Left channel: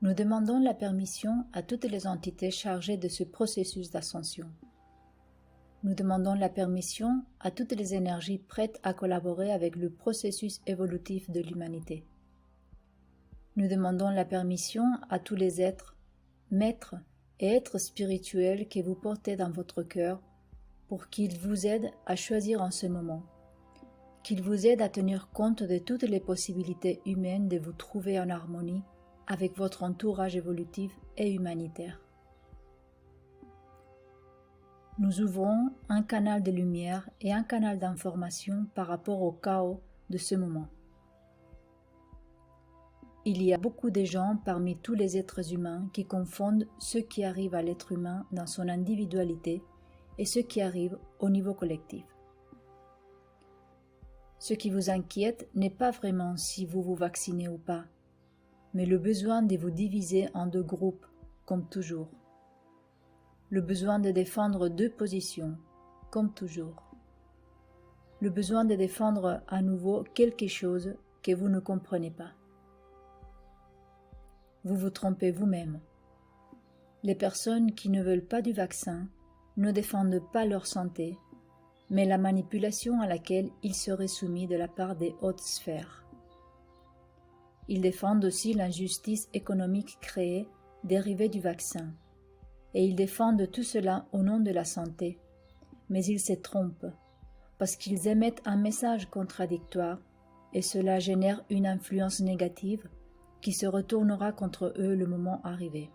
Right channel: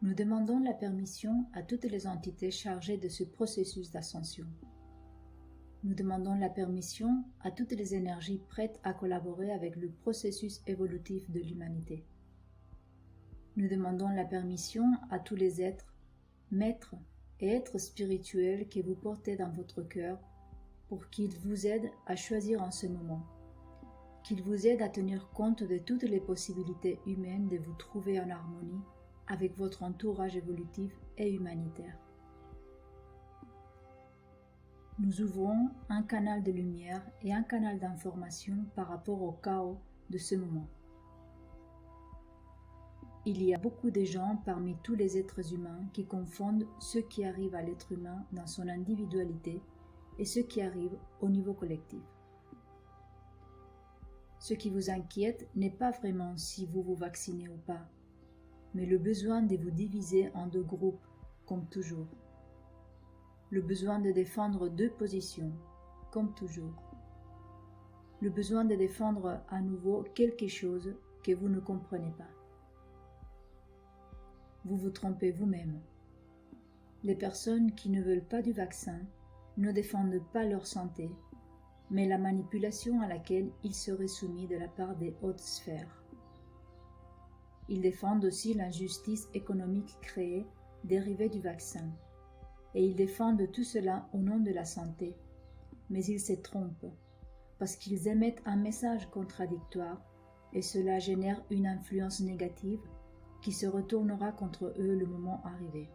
Nous demandons la permission à toutes les entités chargées de ce processus d'ascension. Nous demandons la permission à toutes les énergies prêtes à collaborer avec le processus évolutif de l'humanité. Nous demandons la permission à tous les êtres, maîtres et êtres spirituels que vous portez dans votre cœur pour qu'ils vous aident à choisir en ce moment, qu'ils vous aident à tenir compte de toutes les possibilités humaines de vous trouver en harmonie avec votre entourage évolutif et humanitaire. Nous ouvrons un canal de lumière et un canal d'information par rapport au chaos de ce moment. Il y a beaucoup de gens parmi tous les êtres humains qui confondent ce qui arrive à l'être humain dans son individualité et ce qui arrive au niveau collectif. Ce qui vous inquiète n'est pas vraiment si vous vous vaccinez ou pas, mais le besoin de vous diviser en deux groupes, comme toujours. Le besoin de défendre deux positions, comme toujours. Le besoin de défendre à nouveau quelque chose que vous ne comprenez pas. Vous vous trompez vous-même. Les personnes qui ne veulent pas du vaccin ne défendent pas leur santé, mais la manipulation à laquelle ils seraient soumis de la part des hautes sphères. Ils défendent aussi l'injustice économique créée, dérivée du vaccin. Et ils défendent tout cela au nom de la santé. Mais ils se trompent, parce qu'ils émettent un message contradictoire, et cela génère une influence négative qui se retournera contre eux le moment arrivé.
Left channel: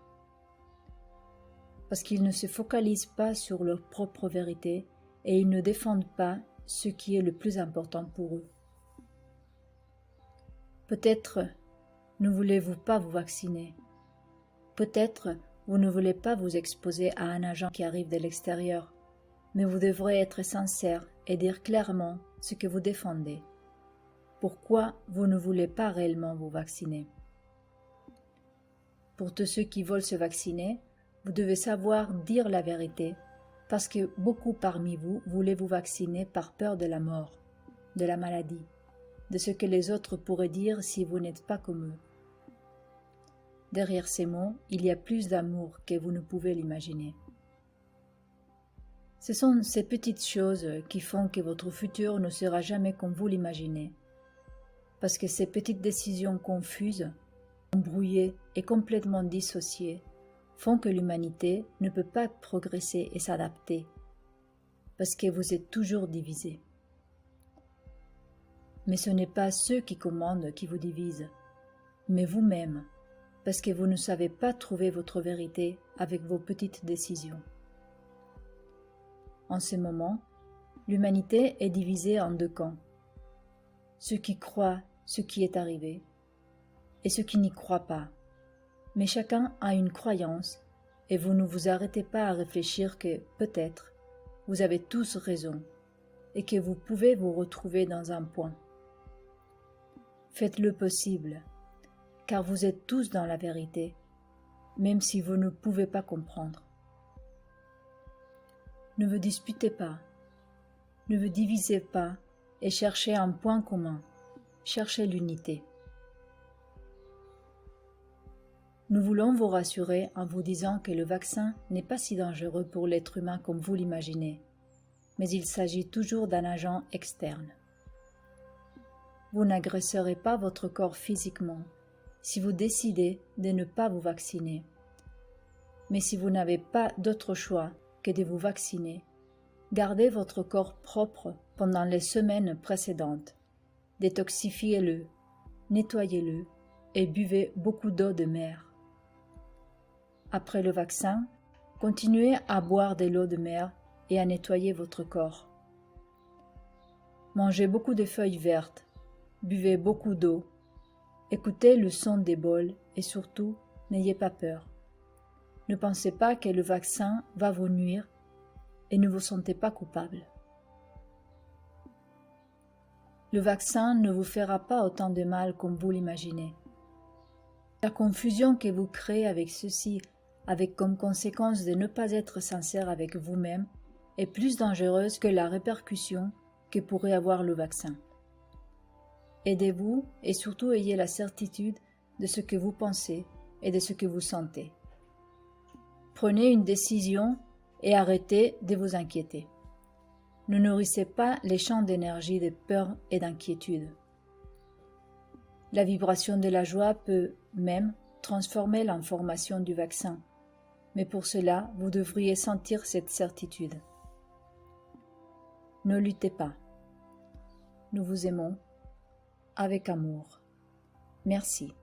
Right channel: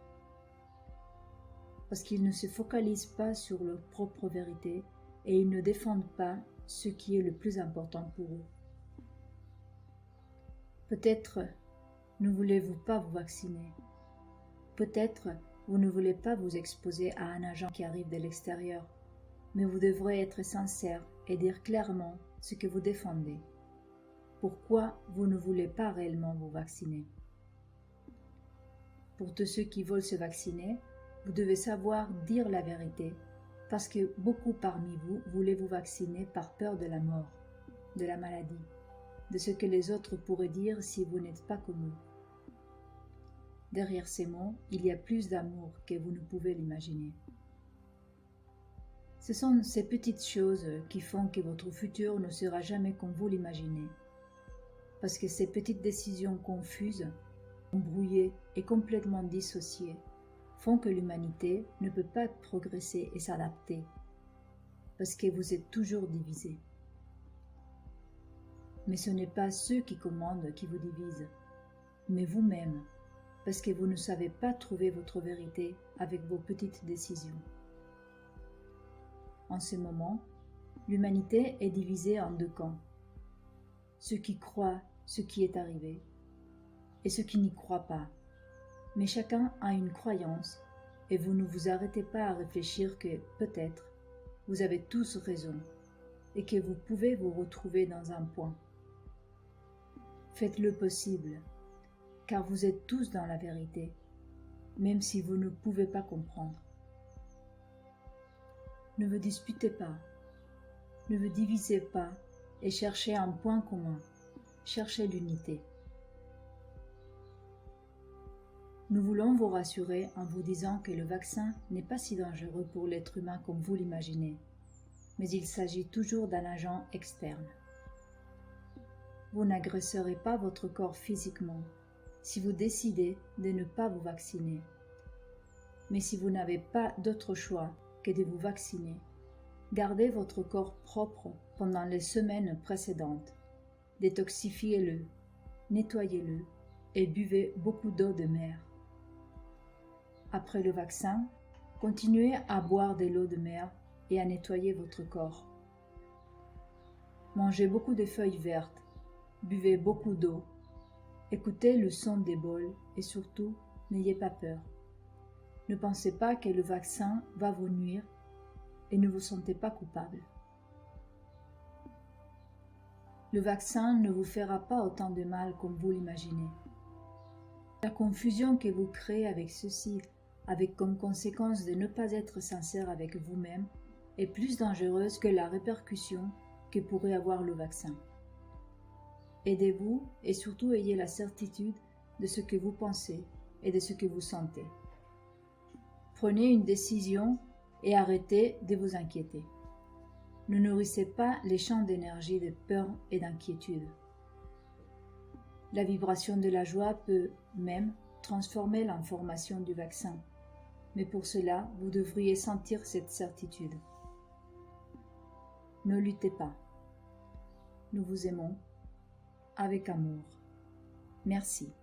Parce qu'ils ne se focalisent pas sur leur propre vérité, et ils ne défendent pas ce qui est le plus important pour eux. Peut-être ne voulez-vous pas vous vacciner. Peut-être vous ne voulez pas vous exposer à un agent qui arrive de l'extérieur, mais vous devrez être sincère et dire clairement ce que vous défendez. Pourquoi vous ne voulez pas réellement vous vacciner? Pour tous ceux qui veulent se vacciner, vous devez savoir dire la vérité, parce que beaucoup parmi vous voulaient vous vacciner par peur de la mort, de la maladie, de ce que les autres pourraient dire si vous n'êtes pas comme eux. Derrière ces mots, il y a plus d'amour que vous ne pouvez l'imaginer. Ce sont ces petites choses qui font que votre futur ne sera jamais comme vous l'imaginez. Parce que ces petites décisions confuses, embrouillées et complètement dissociées font que l'humanité ne peut pas progresser et s'adapter. Parce que vous êtes toujours divisés. Mais ce n'est pas ceux qui commandent qui vous divisent, mais vous-même. Parce que vous ne savez pas trouver votre vérité avec vos petites décisions. En ce moment, l'humanité est divisée en deux camps. Ceux qui croient ce qui est arrivé et ceux qui n'y croient pas. Mais chacun a une croyance et vous ne vous arrêtez pas à réfléchir que, peut-être, vous avez tous raison et que vous pouvez vous retrouver dans un point. Faites le possible. Car vous êtes tous dans la vérité, même si vous ne pouvez pas comprendre. Ne vous disputez pas, ne vous divisez pas et cherchez un point commun, cherchez l'unité. Nous voulons vous rassurer en vous disant que le vaccin n'est pas si dangereux pour l'être humain comme vous l'imaginez, mais il s'agit toujours d'un agent externe. Vous n'agresserez pas votre corps physiquement, si vous décidez de ne pas vous vacciner. Mais si vous n'avez pas d'autre choix que de vous vacciner, gardez votre corps propre pendant les semaines précédentes. Détoxifiez-le, nettoyez-le et buvez beaucoup d'eau de mer. Après le vaccin, continuez à boire de l'eau de mer et à nettoyer votre corps. Mangez beaucoup de feuilles vertes, buvez beaucoup d'eau. Écoutez le son des bols et surtout, n'ayez pas peur. Ne pensez pas que le vaccin va vous nuire et ne vous sentez pas coupable. Le vaccin ne vous fera pas autant de mal comme vous l'imaginez. La confusion que vous créez avec ceci, avec comme conséquence de ne pas être sincère avec vous-même, est plus dangereuse que la répercussion que pourrait avoir le vaccin. Aidez-vous et surtout ayez la certitude de ce que vous pensez et de ce que vous sentez. Prenez une décision et arrêtez de vous inquiéter. Ne nourrissez pas les champs d'énergie de peur et d'inquiétude. La vibration de la joie peut même transformer l'information du vaccin, mais pour cela, vous devriez sentir cette certitude. Ne luttez pas. Nous vous aimons avec amour. Merci.